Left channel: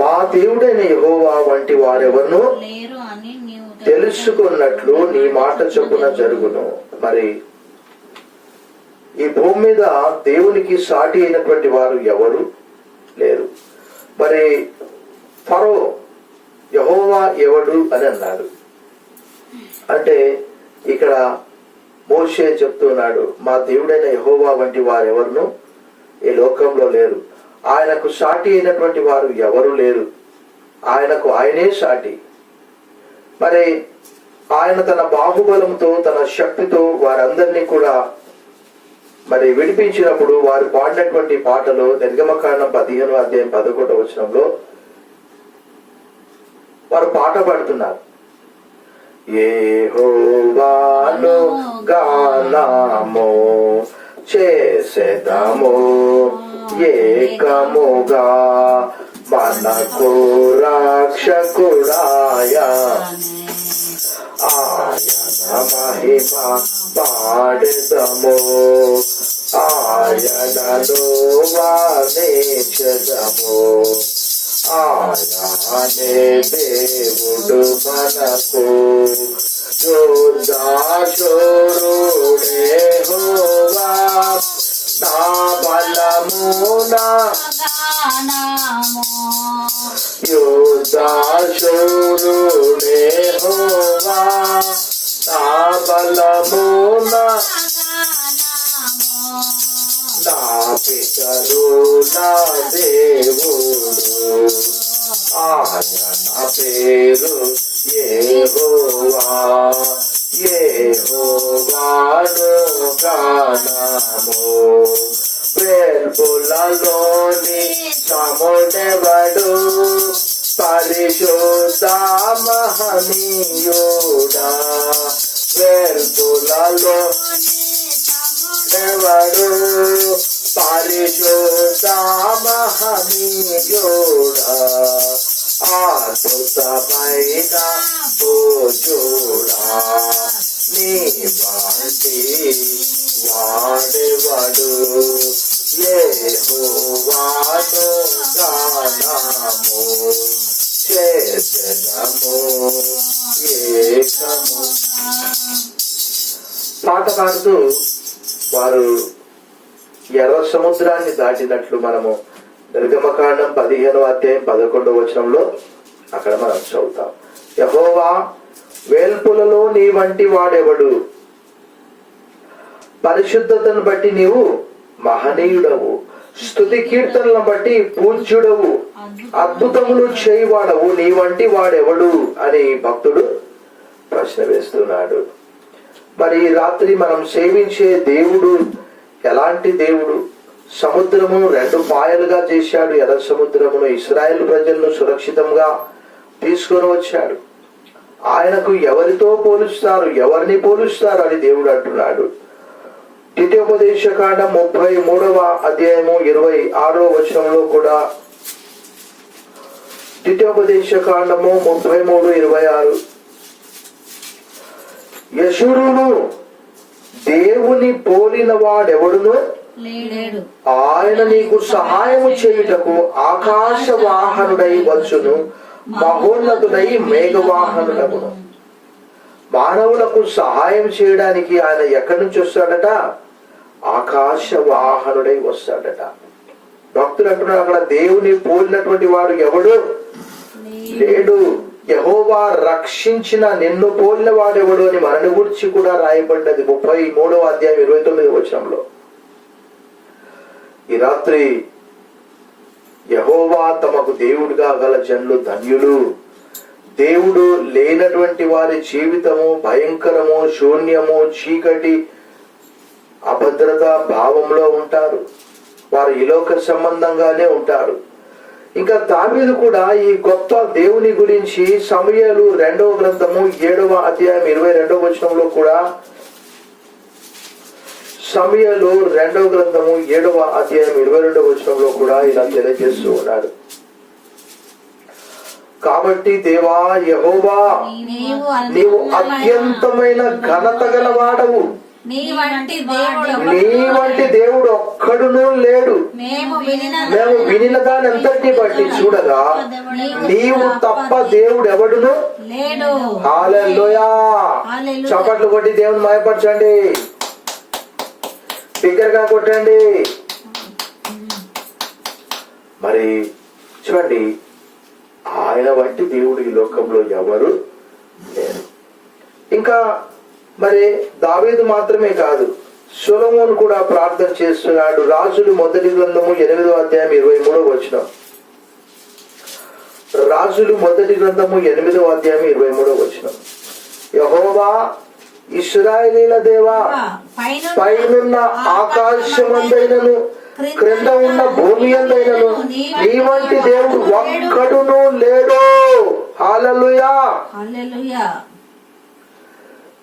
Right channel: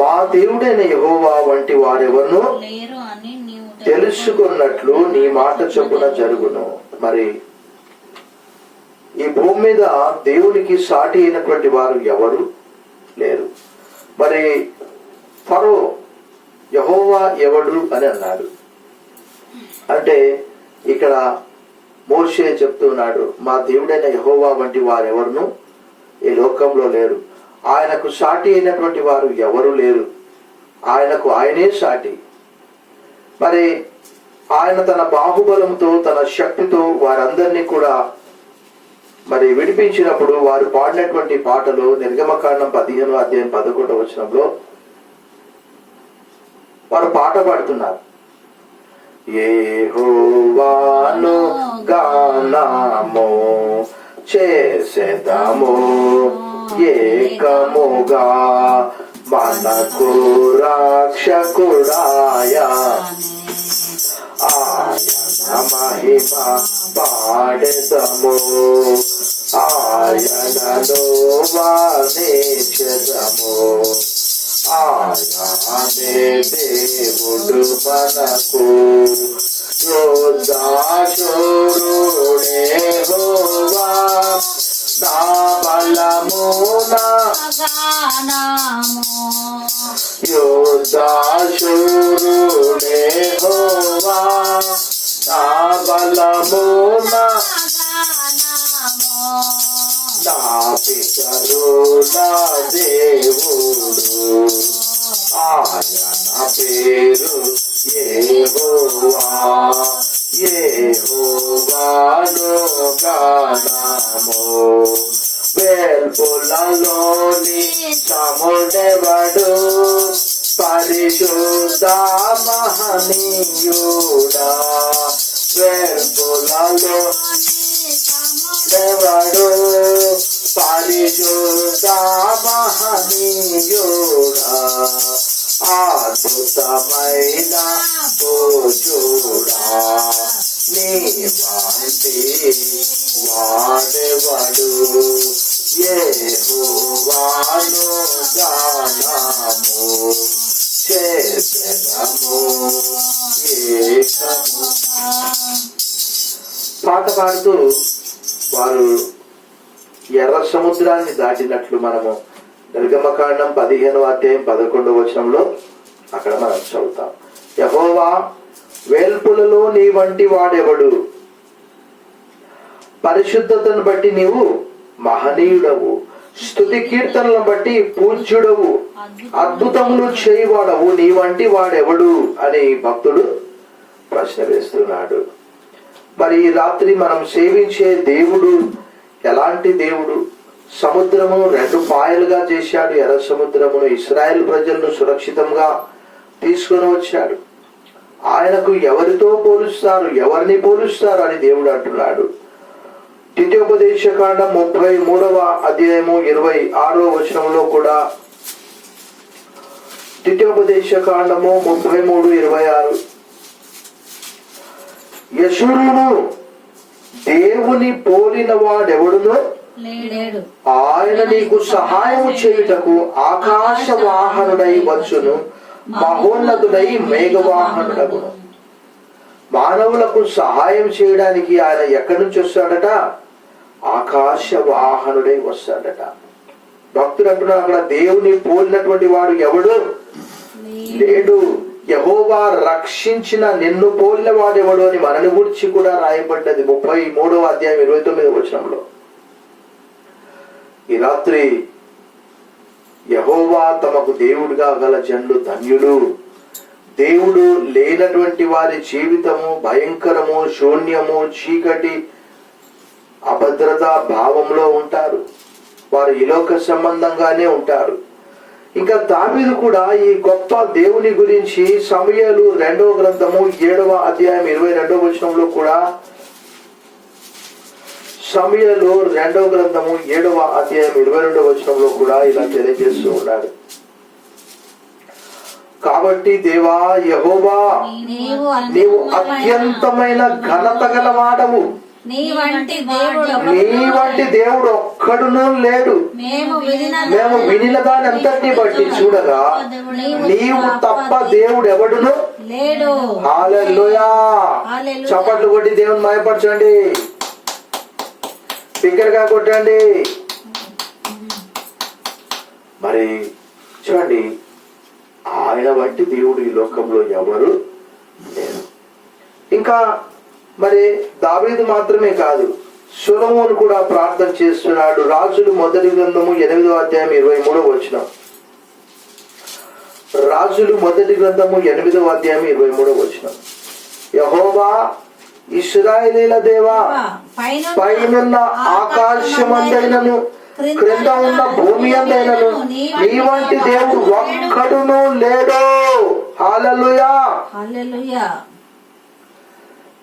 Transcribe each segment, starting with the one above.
మా దేవుడైన యెహోవా వంటి వారెవరును తెలుసుకున్నట్లు నీ మాట చొప్పున జరుగును. మరి ఈ భూమి మీద దేవునికి సాటి అయినటువంటి వారు ఎవరు లేరు. మరి ఫరో యెహోవా ఎవడు అని అన్నాడు. అంటే ఇక్కడ మోషే చెప్తున్నాడు, మా దేవుడైన యెహోవా వంటి వారెవరును ఈ లోకంలో లేరు. ఆయనకు సాటి అయినటువంటి వారు ఎవరు లేరు. ఆయనకు ఆయనే సాటి. మరి ఆయన తన బాహుబలంతో తన శక్తితో వారందరినీ కూడా మరి విడిపించినప్పుడు వారు పాడినటువంటి పాటలు నిర్గమకాండం 15:11 వారు పాట పాడుతున్నారు. యెహోవాను గానము చేసెదము ఏకముగా మనకు రక్షకుడాయ ఆయన మహిమ పాడెదము ఆయనను వర్ణించెదము. ఆయనే దేవుడు మనకు యోద్ధాశూరుడే యెహోవా నా బలము నా గానము యోద్ధాశూరుడే యెహోవా నా బలము నా నా పితరు నా దేవుడు ఆయన పేరు యెహోవా యెహోవాను గానము వేల్పులలోని సముడెవడు పరిశుద్ధ మహనీయుడా వేల్పులలో ఎవడు పరిశుద్ధ మహనీయుడా అద్భుతమైన భోజుడా నీ వంటి వాడెవడు యెహోవాను గానము చేసెదము ఏకము. పాట పాడుతూ వారు ఎర్ర సముద్రాన్ని దాటినట్లు మనము నిర్గమకాండం 15:11 అక్కడ మనం చదువుతాం. యెహోవా వేల్పులలో నీ వంటి వాడెవడు, పరిశుద్ధతను బట్టి నీవు మహనీయుడవు, స్తుతి కీర్తనలను బట్టి పూజ్యుడవు, అద్భుతములు చేయవాడవు, నీ వంటి వాడెవడు అని భక్తుడు ప్రశ్న వేస్తున్నాడు. మరి రాత్రి మనం సేవించే దేవుడు ఎలాంటి దేవుడు? సముద్రము 2 పాయలుగా చేశాడు. ఎర్ర సముద్రమును ఇశ్రాయేల్ ప్రజలను సురక్షితంగా తీసుకొని వచ్చాడు. ఆయనకు ఎవరితో పోలుస్తారు, ఎవరిని పోలుస్తారు అని దేవుడు అంటున్నాడు. ద్వితీయోపదేశకాండం 33:26 కూడా ద్వితీయోపదేశకాండము 33:26 యెషూరును దేవుని పోలిన వాడెవడునో ఆయన నీకు సహాయము చేయుటకు ఆకాశ వాహనుడై వచ్చును, మహోన్నతుడై మేఘవాహనుడగును. మానవులకు సహాయం చేయడానికి ఆయన ఎక్కడి నుంచి వస్తాడట? ఆకాశ వాహనుడై వస్తాడట. భక్తులు అంటున్నారు, అక్కడ దేవుని పోలినటువంటి వాడు ఎవడు లేడు. యెహోవా రక్షించిన నిన్ను పోలిన వాడెవడు అని మనని గురించి కూడా రాయబడ్డది 33:29. ఈ రాత్రి యెహోవా తమకు దేవుడిగా గల జనులు ధన్యులు. దేవుడు లేనటువంటి వారి జీవితము భయంకరము, శూన్యము, చీకటి, అభద్రత భావంలో ఉంటారు. వారు ఇలోక సంబంధంగానే ఉంటారు. ఇంకా దావీదు కూడా ఈ గొప్ప దేవుని గురించి సమూయేలు 2వ గ్రంథము 7:22 కూడా సమూయేలు 2వ గ్రంథము 7:22 కూడా ఇలా తెలియజేస్తూ ఉన్నాడు. కాబట్టి దేవా యెహోవా నీవు అత్యంతమైన ఘనత గలవాడవు, నీ వంటి దేవుడు నీ వంటి దేవుడు ఒక్కడునూ లేడు. మేము వినిన దాని అంతటిని బట్టి చూడగా నీవు తప్ప దేవుడు ఎవడును లేడు. హల్లెలూయా. చప్పట్లు కొట్టి దేవుని మహిమపరచండి, బిగ్గరగా కొట్టండి. మరి చూడండి, ఆయన వంటి దేవుడు ఈ లోకంలో ఎవరు లేరు. ఇంకా మరి దావీదు మాత్రమే కాదు, సొలొమోను కూడా ప్రార్థన చేస్తున్నాడు. రాజులు మొదటి గ్రంథము 8వ అధ్యాయం 23వ వచనం. రాజులు మొదటి గ్రంథము 8వ అధ్యాయం 23వ వచనం. యెహోవా ఇశ్రాయేలీల దేవా, పైనున్న ఆకాశమందైనను క్రింద ఉన్న భూమి అందైనను నీ వంటి దేవుడు ఒక్కడును లేడు. హల్లెలూయా. హల్లెలూయా.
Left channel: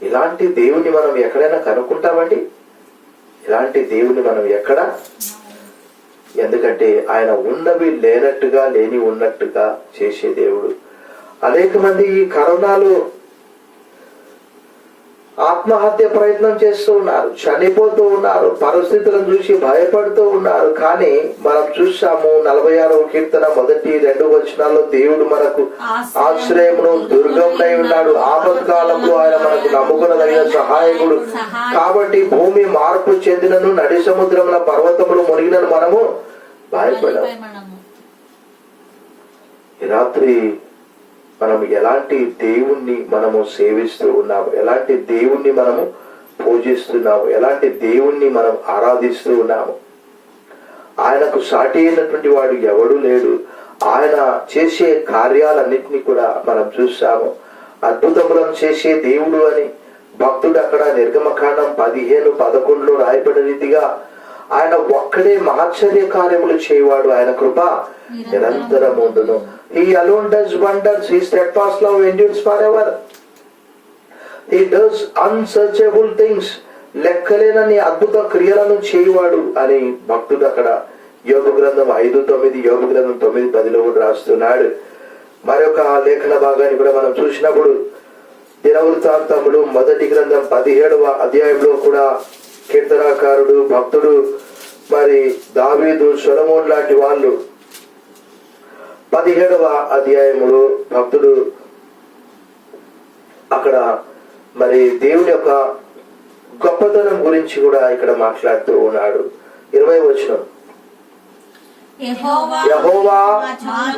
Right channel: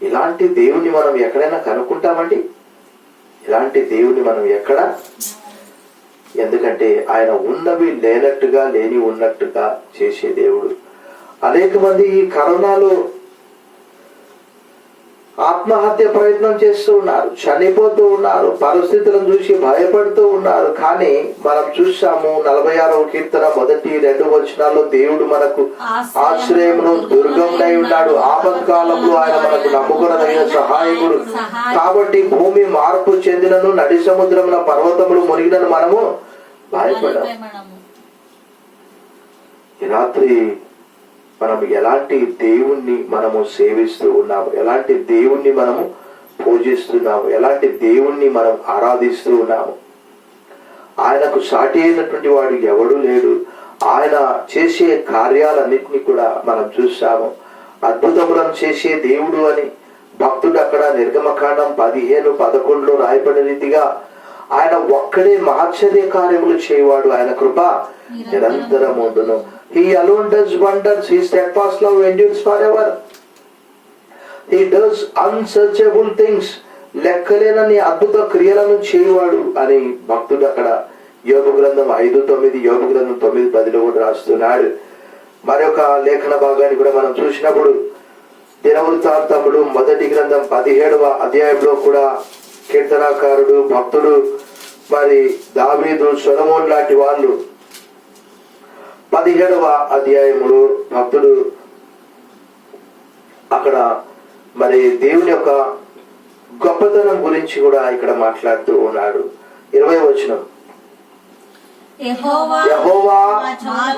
ఇలాంటి దేవుని మనం ఎక్కడైనా కనుక్కుంటామండి? ఇలాంటి దేవుని మనం ఎక్కడ? ఎందుకంటే ఆయన ఉన్నవి లేనట్టుగా, లేని ఉన్నట్టుగా చేసే దేవుడు. అనేక మంది ఈ కరోనాలో ఆత్మహత్య ప్రయత్నం చేస్తూ ఉన్నారు, చనిపోతూ ఉన్నారు, పరిస్థితులను చూసి భయపడుతూ ఉన్నారు. కానీ మనం చూసాము 46వ కీర్తన 1-2 వచనాల్లో దేవుడు మనకు ఆశ్రయమును దుర్గమునై ఉన్నాడు, ఆపత్కాలంలో ఆయన మనకు నమ్ముకునదగిన సహాయకుడు. కాబట్టి భూమి మార్పు చెందినను, నడి సముద్రమున పర్వతములు మునిగినను మనము భయపడము. ఈ రాత్రి మనం ఎలాంటి దేవుణ్ణి మనము సేవిస్తూ ఉన్నాము, ఎలాంటి దేవుణ్ణి మనము పూజిస్తున్నాము, ఎలాంటి దేవుణ్ణి మనం ఆరాధిస్తూ ఉన్నాము. ఆయనకు సాటి అయినటువంటి వాడు ఎవడు లేడు. ఆయన చేసే కార్యాలన్నింటినీ కూడా మనం చూసాము. అద్భుతములను చేసే దేవుడు అని భక్తుడు అక్కడ నిర్గమకాండం 15:11 రాయబడిన రీతిగా ఆయన ఒక్కడే మహాశ్చర్య కార్యములు చేయవాడు. ఆయన కృప నిరంతరముండును. He alone does wonders. His steadfast love endures forever. He does unsearchable things. లెక్కలేనని అద్భుత క్రియలను చేయవాడు అని భక్తుడు అక్కడ యోబు గ్రంథం 5:9, యోబు గ్రంథం 9:10 కూడా రాస్తున్నాడు. మరొక లేఖన భాగాన్ని కూడా మనం చూసినప్పుడు దినవృత్తాంతములు మొదటి గ్రంథం 17వ అధ్యాయంలో కూడా కీర్తనాకారుడు, భక్తుడు మరి దావీదు, సొలొమోను లాంటి వాళ్ళు 17వ అధ్యాయములో భక్తుడు అక్కడ మరి దేవుని యొక్క గొప్పతనం గురించి కూడా ఇక్కడ మాట్లాడుతూ ఉన్నాడు. 20వ వచనం. యెహోవా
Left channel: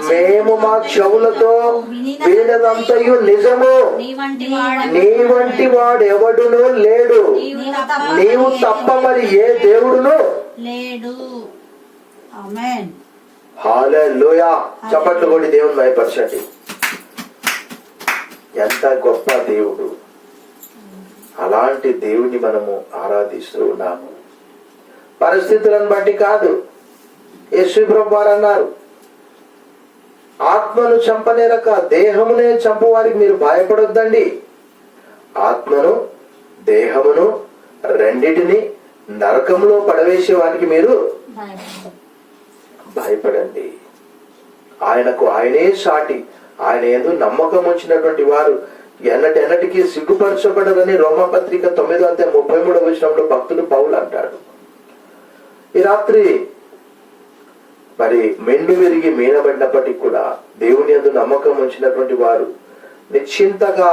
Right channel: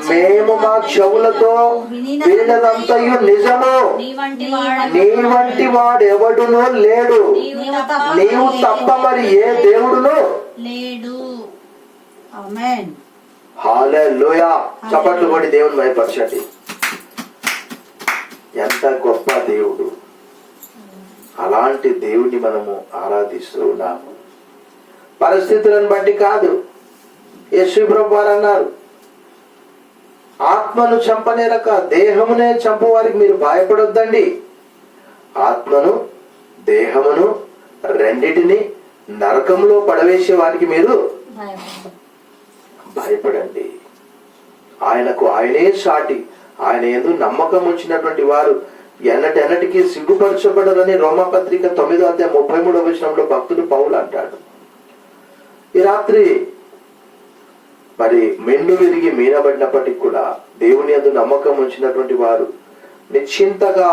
మేము మా చెవులతో వినినదంతయు నిజము, నీ వంటి వాడెవడునూ లేడు, నీవు తప్ప మరి ఏ దేవుడును లేడు. ఆమేన్. హల్లెలూయా. చప్పట్లు కొట్టి దేవుని మహిమపరచండి. ఎంత గొప్ప దేవుడు! అలాంటి దేవుని మనము ఆరాధిస్తూ ఉన్నాము. పరిస్థితులను బట్టి కాదు. యేసు ప్రభువు వారు అన్నారు, ఆత్మను చంపనేరక దేహమునే చంపవారికి మీరు భయపడొద్దండి. ఆత్మను దేహమును రెండిటిని నరకంలో పడవేసే వారికి మీరు భయపడండి. ఆయనకు ఆయనే సాటి. ఆయన యందు నమ్మకం ఉంచినటువంటి వారు ఎన్నటెన్నటికీ సిగ్గుపరచబడరని రోమపత్రిక 9వ అధ్యాయం 33వ వచనంలో భక్తుడు పౌలు అంటాడు. ఈ రాత్రి మరి మెండు విరిగి మీనబడినప్పటికీ కూడా దేవుని యందు నమ్మకం ఉంచినటువంటి వారు నిశ్చింతగా,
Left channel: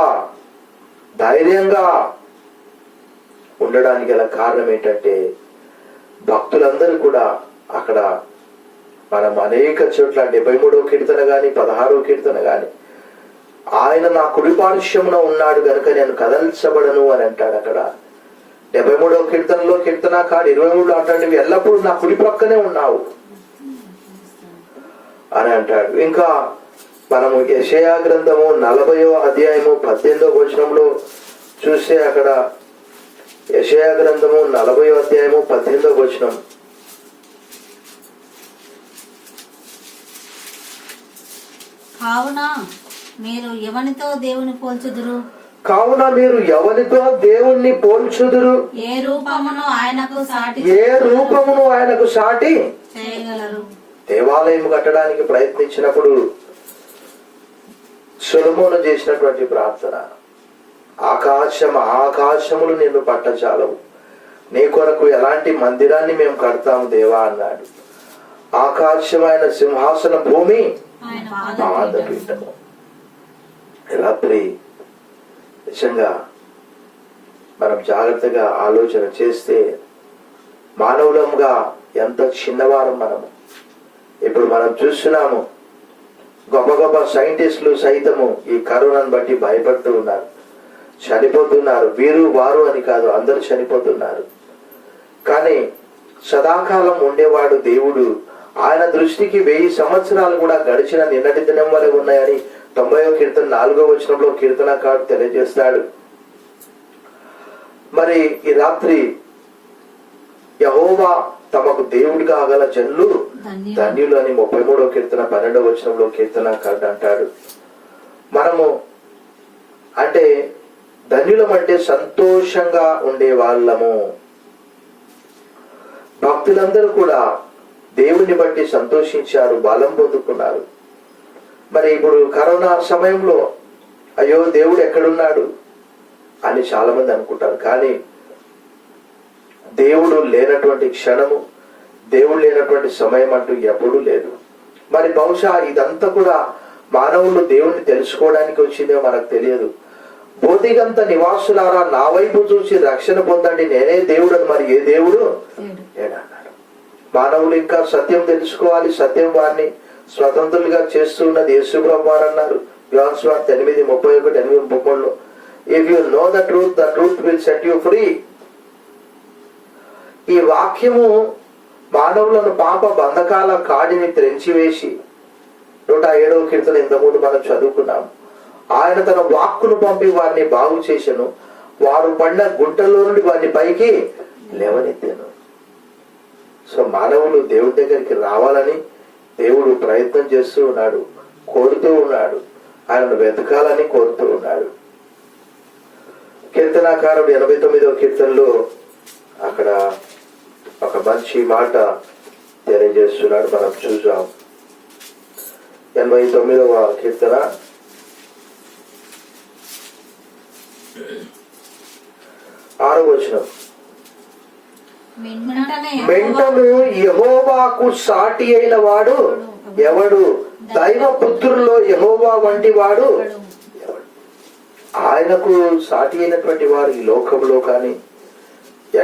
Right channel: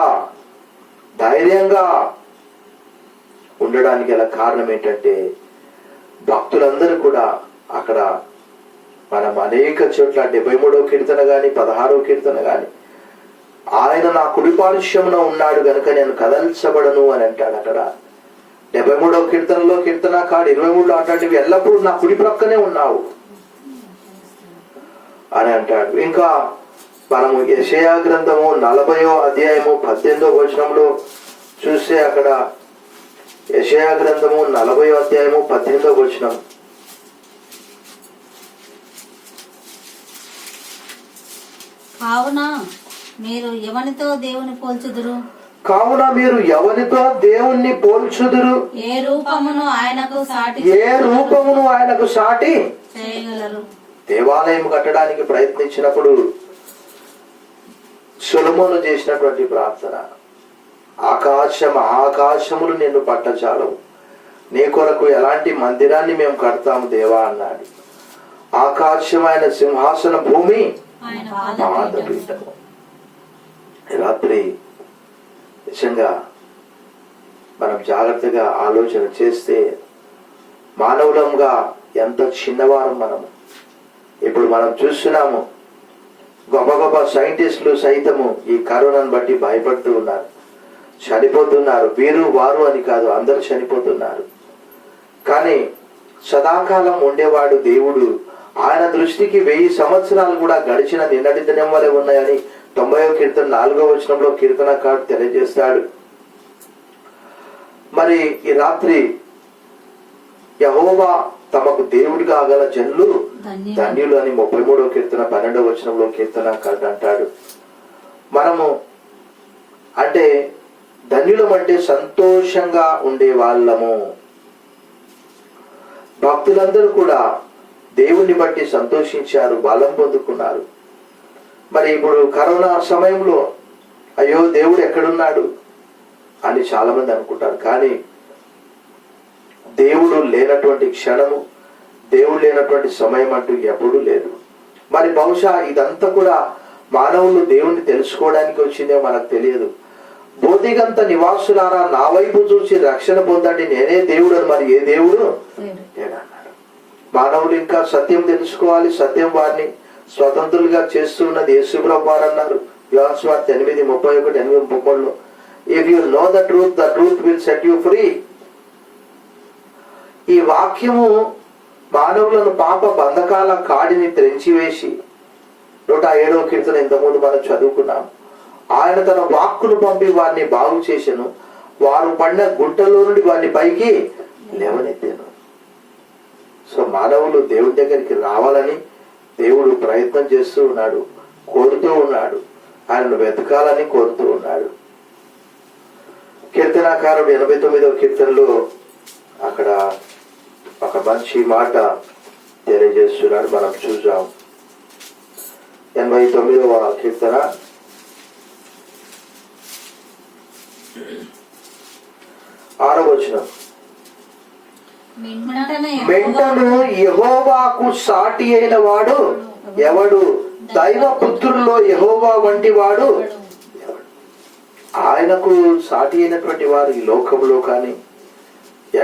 ధైర్యంగా ఉండడానికి గల కారణం ఏంటంటే భక్తులందరూ కూడా అక్కడ మనం అనేక చోట్ల 73వ కీర్తన గాని 16వ కీర్తన గాని ఆయన నా కుడి పార్శ్వమున ఉన్నాడు గనుక నేను కదల్చబడను అని అంటాడు. అక్కడ 73వ కీర్తనలో కీర్తనకారుడు 23లో అంటాడు, ఎల్లప్పుడూ నా కుడి ప్రక్కనే ఉన్నావు అని అంటాడు. ఇంకా మనము యెషయా గ్రంథము 40వ అధ్యాయము 18వ వచనంలో చూస్తే అక్కడ యెషయా గ్రంథము 40వ అధ్యాయము 18వ వచనం. కావున మీరు ఎవనితో దేవుని పోల్చుదురు? కావున మీరు ఎవరితో దేవుణ్ణి పోల్చుదురు? ఏ రూపమును ఆయనకు సాటి చేయగలరు? దేవాలయం కట్టడానికి ప్రయత్నించినప్పుడు సొలొమోను చేసినటువంటి ప్రార్థన, ఆకాశములు నిన్ను పట్టచాలవు, నీ కొరకు ఎలాంటి మందిరాన్ని మేము కడతాము దేవా అన్నాడు. ఆకాశమైన సింహాసన, భూమి ఆయన పాదపీఠము. రాత్రి నిజంగా మనం జాగ్రత్తగా ఆలోచన చేస్తే మానవులంగా ఎంత చిన్నవారం మనము. ఇప్పుడు మనం చూస్తున్నాము, గొప్ప గొప్ప సైంటిస్టులు సైతము ఈ కరోనాను బట్టి భయపడుతూ ఉన్నారు, చనిపోతున్నారు. వీరు వారు అని కాదు, అందరూ చనిపోతున్నారు. కానీ సదాకాలం ఉండేవాడు దేవుడు. ఆయన దృష్టికి 1000 సంవత్సరాలు కూడా గడిచిన నిన్నటి దినం వలె ఉన్నాయని 90వ కీర్తన 4వ వచనంలో కీర్తనకారుడు తెలియజేస్తాడు. మరి ఈ రాత్రి యెహోవా తమకు దేవుడిగా గల జనులు ధన్యులు అని 33వ కీర్తన 12వ వచనంలో కీర్తనకారుడు అంటాడు. మనము అంటే ధన్యులం అంటే సంతోషంగా ఉండే వాళ్ళము. భక్తులందరూ కూడా దేవుణ్ణి బట్టి సంతోషించారు, బలం పొందుకున్నారు. మరి ఇప్పుడు కరోనా సమయంలో అయ్యో దేవుడు ఎక్కడున్నాడు అని చాలా మంది అనుకుంటారు. కానీ దేవుడు లేనటువంటి క్షణము, దేవుడు లేనటువంటి సమయం అంటూ ఎప్పుడూ లేదు. మరి బహుశా ఇదంతా కూడా మానవులు దేవుణ్ణి తెలుసుకోవడానికి వచ్చిందో మనకు తెలియదు. బోధిగంత నివాసులారా నా వైపు చూసి రక్షణ పొందండి, నేనే దేవుడు అని. మరి ఏ దేవుడు లేడన్నాడు. మానవులు ఇంకా సత్యం తెలుసుకోవాలి, సత్యం వారిని స్వతంత్రులుగా చేస్తున్నది యేసుప్రభువు వారు అన్నారు. యోహాను సువార్త 8:31, 8:33. If you know the truth will set you free. ఈ వాక్యము మానవులను పాప బంధకాల కాడిని త్రెంచివేసి 107వ కీర్తన ఇంతకుముందు మనం చదువుకున్నాం. ఆయన తన వాక్కును పంపి వారిని బాగు చేసెను, వారు పడిన గుంటల్లో నుండి వారిని పైకి లేవనెత్తాను. సో మానవులు దేవుడి దగ్గరికి రావాలని దేవుడు ప్రయత్నం చేస్తూ ఉన్నాడు, కోరుతూ ఉన్నాడు, ఆయనను వెతకాలని కోరుతూ ఉన్నాడు. కీర్తనాకారుడు 89వ కీర్తనలో అక్కడ ఒక మంచి మాట తెలియజేస్తున్నాడు, మనం చూసాం. 89వ కీర్తన 6వ వచనం. మెంటను యెహోవాకు సాటి అయిన వాడు ఎవడు? దైవ పుత్రుల్లో యెహోవా వంటి వాడు ఎవడు? ఆయనకు సాటి అయినటువంటి వారు ఈ లోకంలో కానీ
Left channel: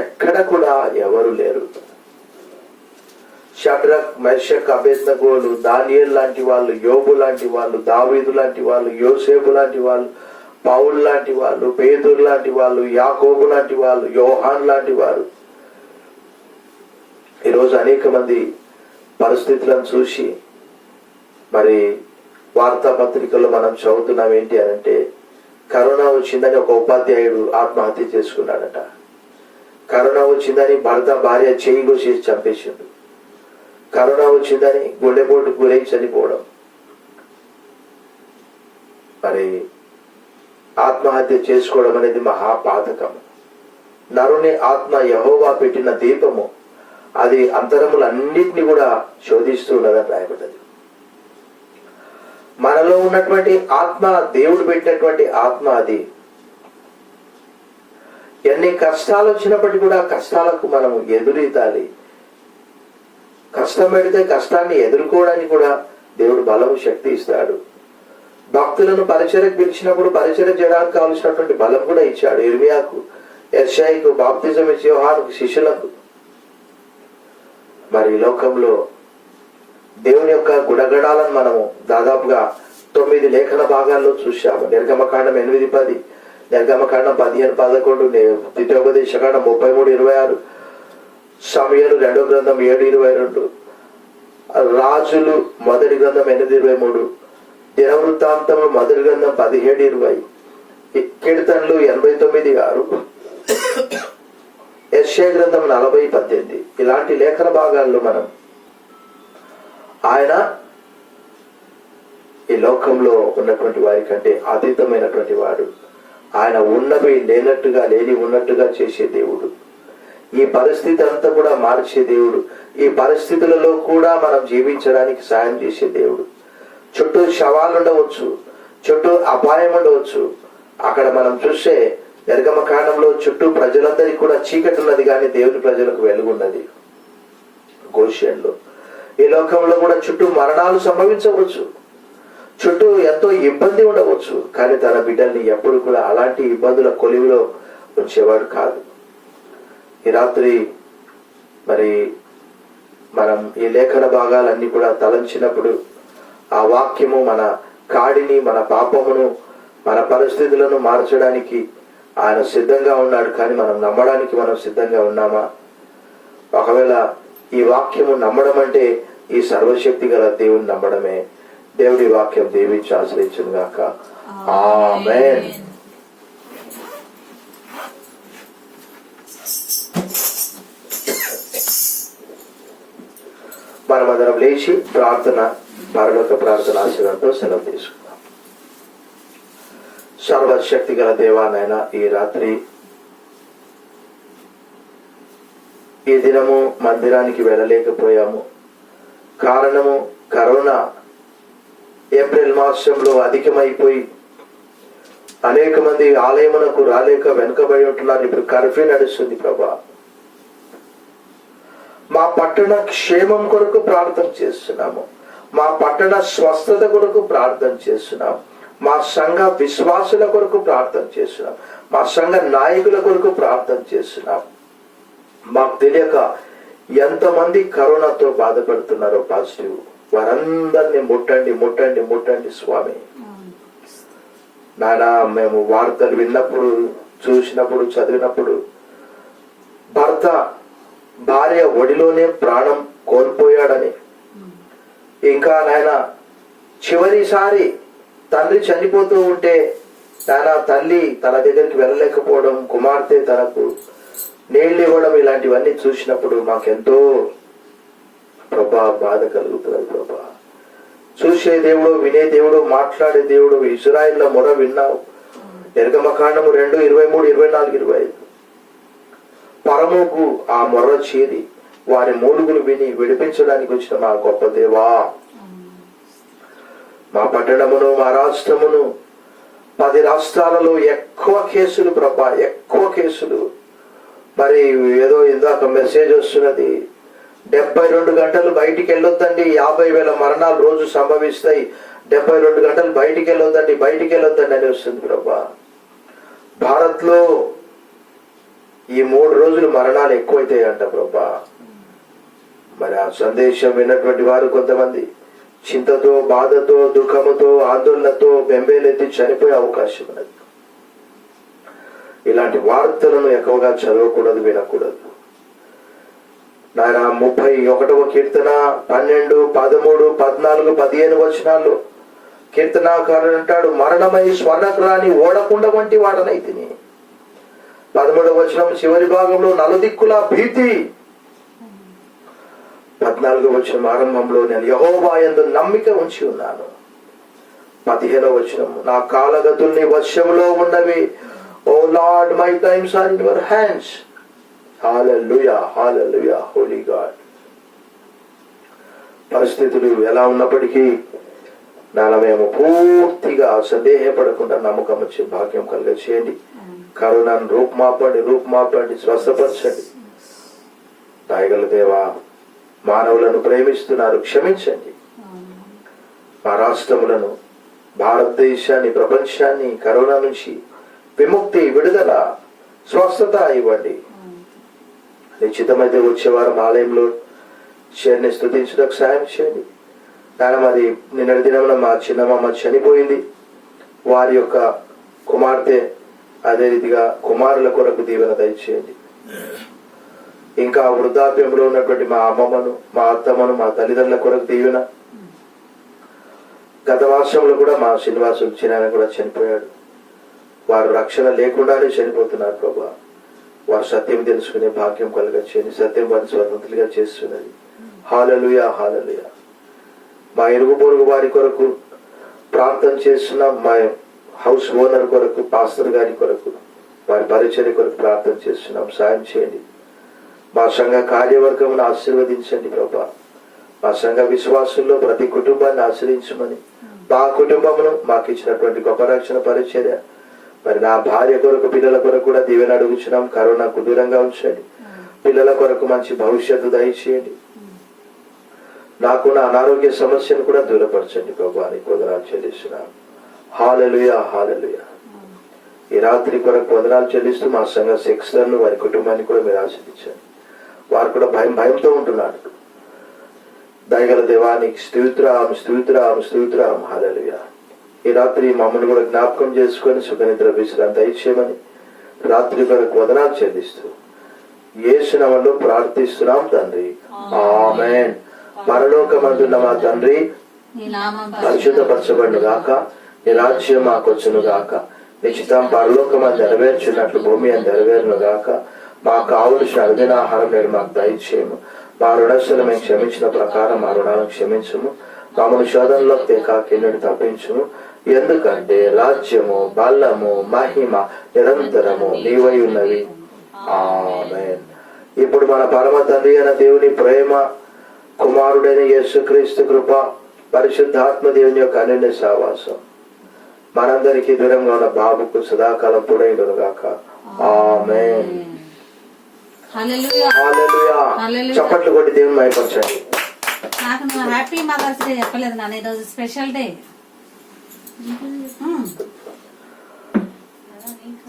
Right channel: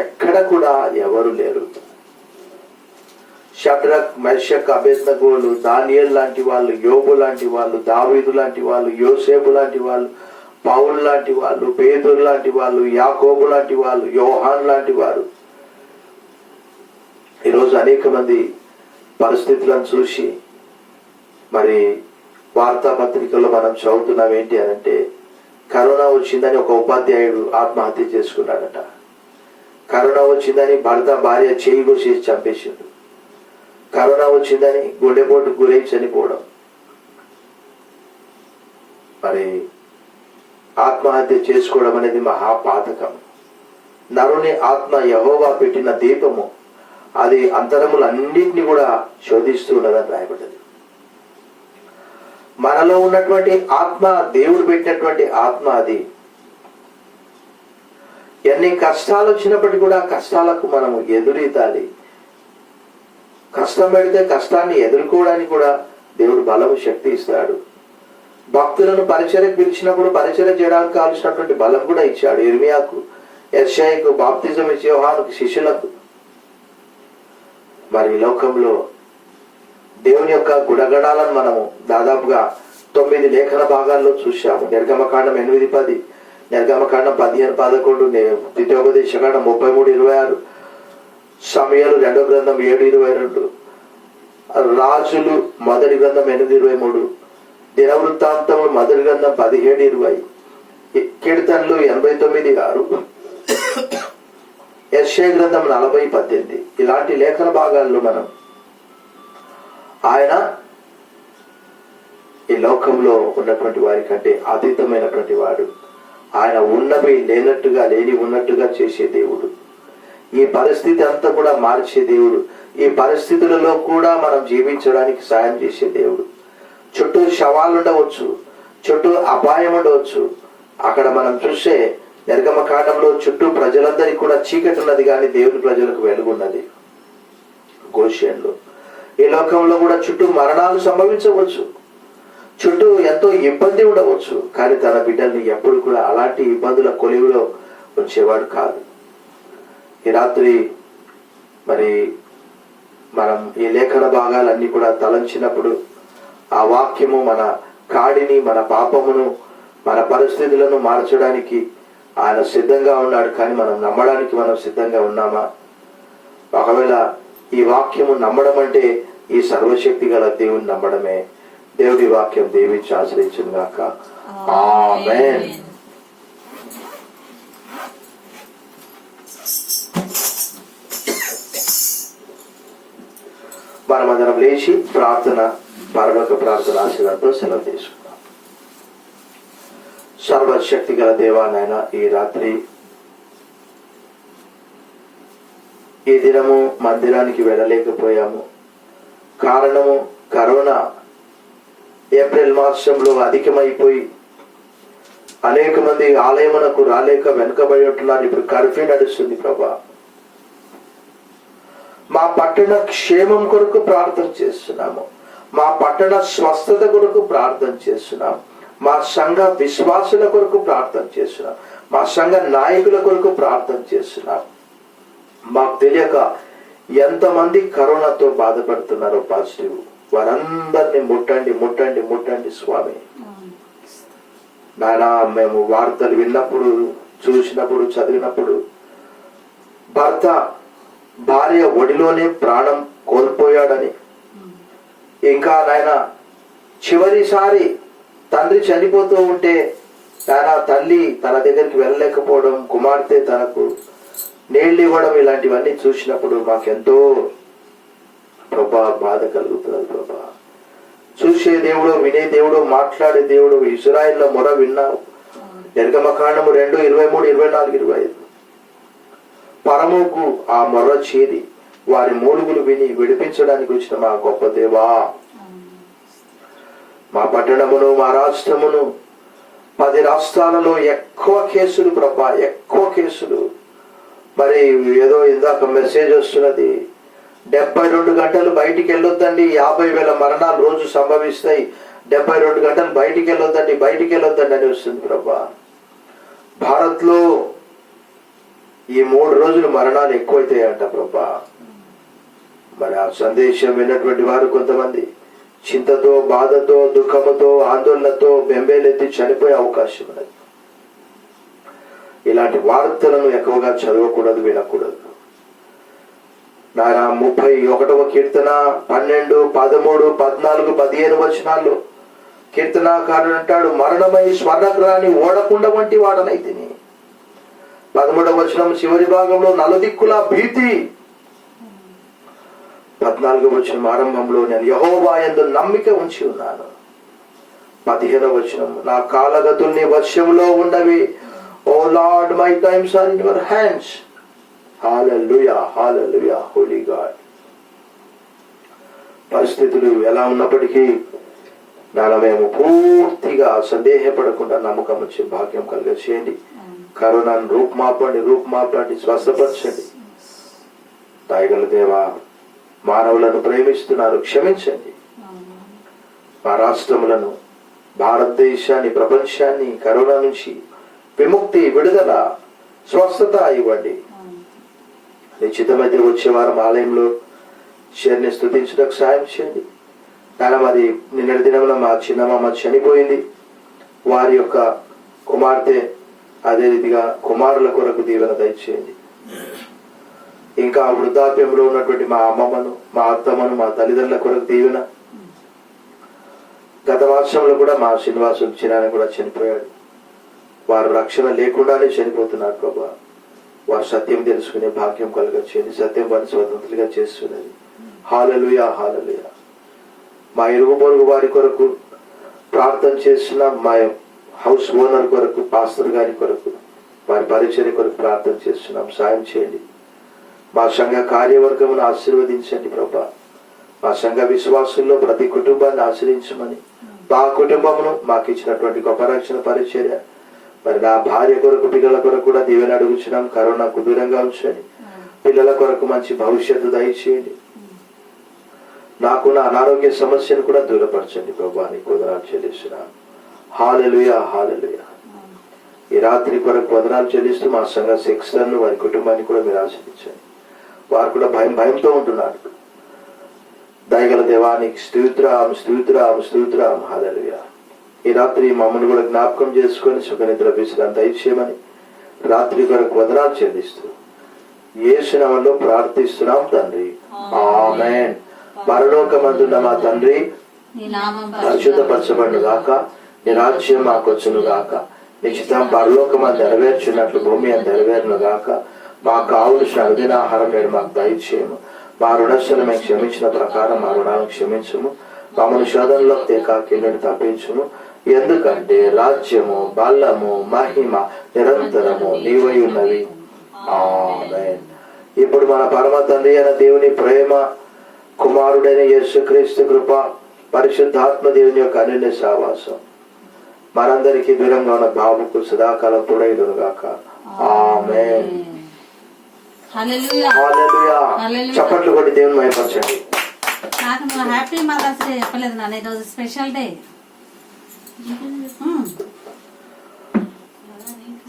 ఎక్కడ కూడా ఎవరు లేరు. షడ్రక్, మెషక్, అబేద్నగోలు, దానియేలు లాంటి వాళ్ళు, యోబు లాంటి వాళ్ళు, దావీదు లాంటి వాళ్ళు, యోసేపు లాంటి వాళ్ళు, పౌలు లాంటి వాళ్ళు, పేతురు లాంటి వాళ్ళు, యాకోబు లాంటి వాళ్ళు, యోహాన్ లాంటి వారు. ఈరోజు అనేక మంది పరిస్థితులను చూసి మరి వార్తాపత్రికల్లో మనం చదువుతున్నాం. ఏంటి అని అంటే, కరోనా వచ్చిందని ఒక ఉపాధ్యాయుడు ఆత్మహత్య చేసుకున్నాడట. కరోనా వచ్చిందని భర్త భార్య చేయి కోసేసి చంపేసిండు. కరోనా వచ్చిందని గుండెపోటు గురై చనిపోవడం. మరి ఆత్మహత్య చేసుకోవడం అనేది మహాపాతకం. నరుని ఆత్మ యెహోవా పెట్టిన దీపము, అది అంతరములన్నింటినీ కూడా శోధిస్తూ ఉన్నదని రాయబడ్డది. మనలో ఉన్నటువంటి ఆత్మ దేవుడు పెట్టినటువంటి ఆత్మ. అది ఎన్ని కష్టాలు వచ్చినప్పటికీ కూడా కష్టాలకు మనము ఎదురీదాలి. కష్టం పెడితే కష్టాన్ని ఎదుర్కోవడానికి కూడా దేవుడు బలము, శక్తి ఇస్తాడు. భక్తులను పరిచర్యకు పిలిచినప్పుడు పరిచర్య చేయడానికి కావలసినటువంటి బలం కూడా ఇచ్చాడు. ఇర్మియాకు, యెషయాకు బాప్తిజం ఇచ్చి యోహానుకు శిష్యులకు. మరి ఈ లోకంలో దేవుని యొక్క గుణగణాలను మనము దాదాపుగా 9 లేఖన భాగాల్లో చూశాము. నిర్గమకాండం 8:10, నిర్గమకాండం 15:11, ద్వితీయోపదేశకాండం 33:26, సమూయేలు 2వ గ్రంథం 7:22, రాజులు మొదటి గ్రంథం 8:23, దినవృత్తాంతములు మొదటి గ్రంథం 17:20, కీర్తనలు 89:6, యెషయా గ్రంథం 40:18. ఇలాంటి లేఖన భాగాల్లో మనం ఆయన ఈ లోకంలో ఉన్నటువంటి వారి కంటే అతీతమైనటువంటి వాడు. ఆయన ఉన్నవి లేనట్టుగా, లేని ఉన్నట్టుగా చేసే దేవుడు. ఈ పరిస్థితి అంతా కూడా మార్చే దేవుడు. ఈ పరిస్థితులలో కూడా మనం జీవించడానికి సాయం చేసే దేవుడు. చుట్టూ శవాలు ఉండవచ్చు, చుట్టూ అపాయం ఉండవచ్చు. అక్కడ మనం చూసే నిర్గమ కాండంలో చుట్టూ ప్రజలందరికీ కూడా చీకటి ఉన్నది, కానీ దేవుని ప్రజలకు వెలుగున్నది. గోషేన్లో ఈ లోకంలో కూడా చుట్టూ మరణాలు సంభవించవచ్చు, చుట్టూ ఎంతో ఇబ్బంది ఉండవచ్చు, కానీ తన బిడ్డల్ని ఎప్పుడు కూడా అలాంటి ఇబ్బందుల కొలివిలో ఉంచేవాడు కాదు. ఈ రాత్రి మరి మనం ఈ లేఖన భాగాలన్నీ కూడా తలంచినప్పుడు ఆ వాక్యము మన కాడిని, మన పాపమును, మన పరిస్థితులను మార్చడానికి ఆయన సిద్ధంగా ఉన్నాడు. కానీ మనం నమ్మడానికి మనం సిద్ధంగా ఉన్నామా? ఒకవేళ ఈ వాక్యము నమ్మడం అంటే ఈ సర్వశక్తి గల దేవుని నమ్మడమే. దేవుడి వాక్యం దీవించి ఆశ్రయించును గాక. ఆమేన్. మనమందరం లేచి ప్రార్థన, పరలోక ప్రార్థన ఆశీర్వాదంతో సెలవు తీసుకుందాం. సర్వశక్తి గల దేవానైనా ఈ రాత్రి ఈ దినము మందిరానికి వెళ్ళలేకపోయాము. కారణము కరోనా ఏప్రిల్ మాసంలో అధికమైపోయి అనేక మంది ఆలయమునకు రాలేక వెనుకబడి ఉంటున్నారు. ఇప్పుడు కర్ఫ్యూ నడుస్తుంది ప్రభా. మా పట్టణ క్షేమం కొరకు ప్రార్థన చేస్తున్నాము, మా పట్టణ స్వస్థత కొరకు ప్రార్థన చేస్తున్నాం, మా సంఘ విశ్వాసుల కొరకు ప్రార్థన చేస్తున్నాం, మా సంఘ నాయకుల కొరకు ప్రార్థన చేస్తున్నాం. మాకు తెలియక ఎంతమంది కరోనాతో బాధపడుతున్నారో పాజిటివ్, వారందరినీ ముట్టండి ముట్టండి ముట్టండి స్వామి. నానా మేము వార్తలు విన్నప్పుడు, చూసినప్పుడు, చదివినప్పుడు భర్త భార్య ఒడిలోనే ప్రాణం కోల్పోయాడని, ఇంకా నాయన చివరిసారి తండ్రి చనిపోతూ ఉంటే నాయన తల్లి తన దగ్గరికి వెళ్ళలేకపోవడం, కుమార్తె తనకు నీళ్ళు ఇవ్వడం, ఇలాంటివన్నీ చూసినప్పుడు మాకెంతో ప్రభా బాధ కలుగుతున్నది ప్రభా. చూసే దేవుడు, వినే దేవుడు, మాట్లాడే దేవుడు. ఇశ్రాయేలు మొర విన్నావు. నిర్గమకాండము 2:23, 24, 25. పరముకు ఆ మొర్ర చేరి వారి మూలుగులు విని విడిపించడానికి వచ్చిన మా గొప్ప దేవా, మా పట్టణమును, మా రాష్ట్రమును, 10 రాష్ట్రాలలో ఎక్కువ కేసులు ప్రభా, ఎక్కువ కేసులు. మరి ఏదో ఇందాక మెసేజ్ వస్తున్నది, 72 గంటలు బయటికి వెళ్ళొద్దండి, 50,000 మరణాలు రోజు సంభవిస్తాయి, 72 గంటలు బయటికి వెళ్ళొద్దండి, బయటికి వెళ్ళొద్దండి అని వస్తుంది ప్రభా. భారత్ లో ఈ 3 రోజులు మరణాలు ఎక్కువైతాయంట ప్రభా. మరి ఆ సందేశం విన్నటువంటి వారు కొంతమంది చింతతో, బాధతో, దుఃఖముతో, ఆందోళనతో బెంబేలెత్తి చనిపోయే అవకాశం ఉన్నది. ఇలాంటి వార్తలను ఎక్కువగా చదవకూడదు, వినకూడదు. నాయన 31వ కీర్తన 12, 13, 14, 15 వచనాల్లో కీర్తనాకారుడు అంటాడు, మరణమై స్వర్ణగ్రాని ఓడకుండ వంటి వాడనైతిని. 13వ వచనం చివరి భాగంలో నలుదిక్కుల భీతి. 14వ వచనం ఆరంభంలో నేను యెహోవా యందు నమ్మిక ఉంచి ఉన్నాను. 15వ వచనం నా కాలగతుల్ని వశములో ఉన్నవి. O Lord, my times are in your hands. Hallelujah, hallelujah, holy God. పరిస్థితులు ఎలా ఉన్నప్పటికీ నాలో మేము పూర్తిగా సందేహపడకుండా నమ్మకం వచ్చే భాగ్యం కలిగ చేయండి. కరోనాను రూపుమాపండి, స్వస్థపరచండి. దయగల దేవా, మానవులను ప్రేమిస్తున్నారు, క్షమించండి. మా రాష్ట్రములను, భారతదేశాన్ని, ప్రపంచాన్ని కరోనా నుంచి విముక్తి, విడుదల, స్వస్థత ఇవ్వండి. నిశ్చితమైతే వచ్చే వారం ఆలయంలో చేరిని స్తుతించడానికి సాయం చేయండి. చాలా మరి నిన్నటి దినమున మా చిన్నమ్మ చనిపోయింది. వారి యొక్క కుమార్తె, అదే రీతిగా కుమారుల కొరకు దీవెన దయచేయండి. ఇంకా వృద్ధాప్యంలో ఉన్నటువంటి మా అమ్మమ్మను, మా అత్తమ్మను, మా తల్లిదండ్రుల కొరకు దీవెన. గత వర్షంలో కూడా మా శ్రీనివాసు చిన్న కూడా చనిపోయాడు. వారు రక్షణ లేకుండానే చనిపోతున్నారు ప్రభా. వారు సత్యం తెలుసుకునే భాగ్యం కలగచ్చేయండి. సత్యం వారిని స్వతంత్రులుగా చేస్తున్నది. హల్లెలూయా, హల్లెలూయా. మా ఇరుగు పొరుగు వారి కొరకు ప్రార్థన చేస్తున్నాం. మా హౌస్ ఓనర్ కొరకు, పాస్టర్ గారి కొరకు, వారి పరిచర్య కొరకు ప్రార్థన చేస్తున్నాం. సాయం చేయండి. మా సంఘ కార్యవర్గమును ఆశీర్వదించండి ప్రభా. మా సంఘ విశ్వాసుల్లో ప్రతి కుటుంబాన్ని ఆశ్రయించమని, మా కుటుంబమును, మాకు ఇచ్చినటువంటి గొప్ప రక్షణ పరిచర్య, మరి నా భార్య కొరకు పిల్లల కొరకు కూడా దీవెన అడుగుచున్నాం. కరోనాకు దూరంగా ఉంచండి. పిల్లల కొరకు మంచి భవిష్యత్తు దయచేయండి. నాకున్న అనారోగ్య సమస్యను కూడా దూరపరచండి ప్రభు అని వందనాలు చెల్లిస్తున్నాను. హల్లెలూయా, హల్లెలూయా. ఈ రాత్రి కొరకు వందనాలు చెల్లిస్తూ మా సంఘ శిక్షలను వారి కుటుంబాన్ని కూడా మీరు ఆశీర్వదించండి. వారు కూడా భయంతో ఉంటున్నారు. దయగల దేవానికి స్తోత్రం, స్తోత్రం, స్తోత్రం. హల్లెలూయా. ఈ రాత్రి మమ్మల్ని కూడా జ్ఞాపకం చేసుకొని సుఖనిద్ర విశ్రాంతి దయచేయమని రాత్రి కొరకు వందనాలు చెల్లిస్తూ యేసు నామములో ప్రార్థిస్తున్నాం తండ్రి. ఆమేన్. పరలోకమందున్న మా తండ్రి, నీ నామం పరిశుద్ధపరచబడును గాక. నీ రాజ్యం మాకొచ్చును గాక. నీ చిత్తం పరలోకమందు నెరవేర్చున్నట్లు భూమి అందు నెరవేరును గాక. మాకు కావలసిన అనుదిన ఆహారం నేడు మాకు దయచేయము. మా రుణస్థులు మేము క్షమించిన ప్రకారం మా రుణాలను క్షమించుము. మమ్మల్ని శోధనలో కిన్నెడు తప్పించుము. ఎందుకంటే రాజ్యము, బలము, మహిమ నిరంతరము నీవై ఉన్నవి. ఆమేన్. ఇప్పుడు మన పరమ తండ్రి అయిన దేవుని ప్రేమ, కుమారుడైన యేసుక్రీస్తు కృప, పరిశుద్ధాత్మ దేవుని యొక్క అన్యోన్య సహవాసం మనందరికీ దూరంగా ఉన్న బాబుకు సదాకాలం తోడైదును గాక. ఆమేన్. హల్లెలూయా. హల్లెలూయా. హల్లెలూయా. చప్పట్లు కొట్టి దేవుని మహిమపరచండి. నాకు నువ్వు హ్యాపీ మదర్స్ డే చెప్పలేదు నాన్న. ఈరోజు స్పెషల్ డే.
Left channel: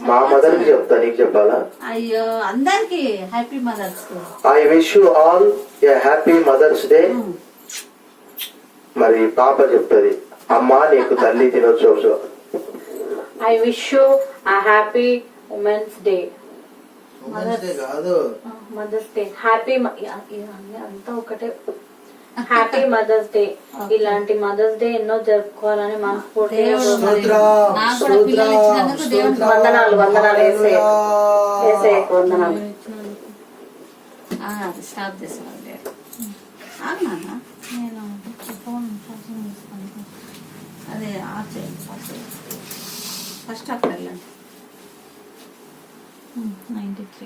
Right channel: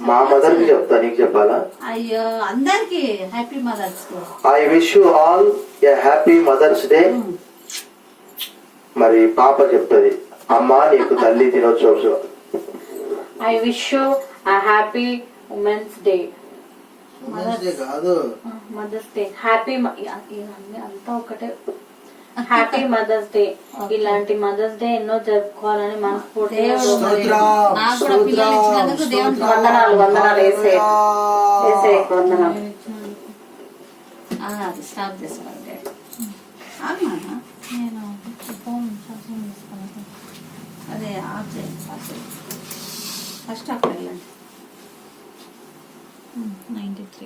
మా మదర్ కి చెప్తా, నీకు చెప్పాలా? అయ్యో, అందరికి happy mother's day. I wish you all a happy mother's day. మరి పాప చెప్తుంది, అమ్మా నీకు తల్లి దినోత్సవం. I wish you a happy Women's Day. కాదు, Mother's Day. Happy ఇవన్నీ అంతా ఒకటే. Happy mother's day. ఇలాంటి మదర్స్ డే ఎన్నో జరుపుకోవాలని మనస్ఫూర్తిగా నాకు కూడా పిల్లలు ఇచ్చినందుకు దేవునికి వందనాలు. వందనాలు వేసే వందనాలు. స్టాప్ చేసుకోవాలి. అవునా, నేను ఫోన్ ఛార్జింగ్ తీసుకుని అదే ఆఫ్ చేయండి. ఫస్ట్ ఆఫ్ వెళ్ళండి. 93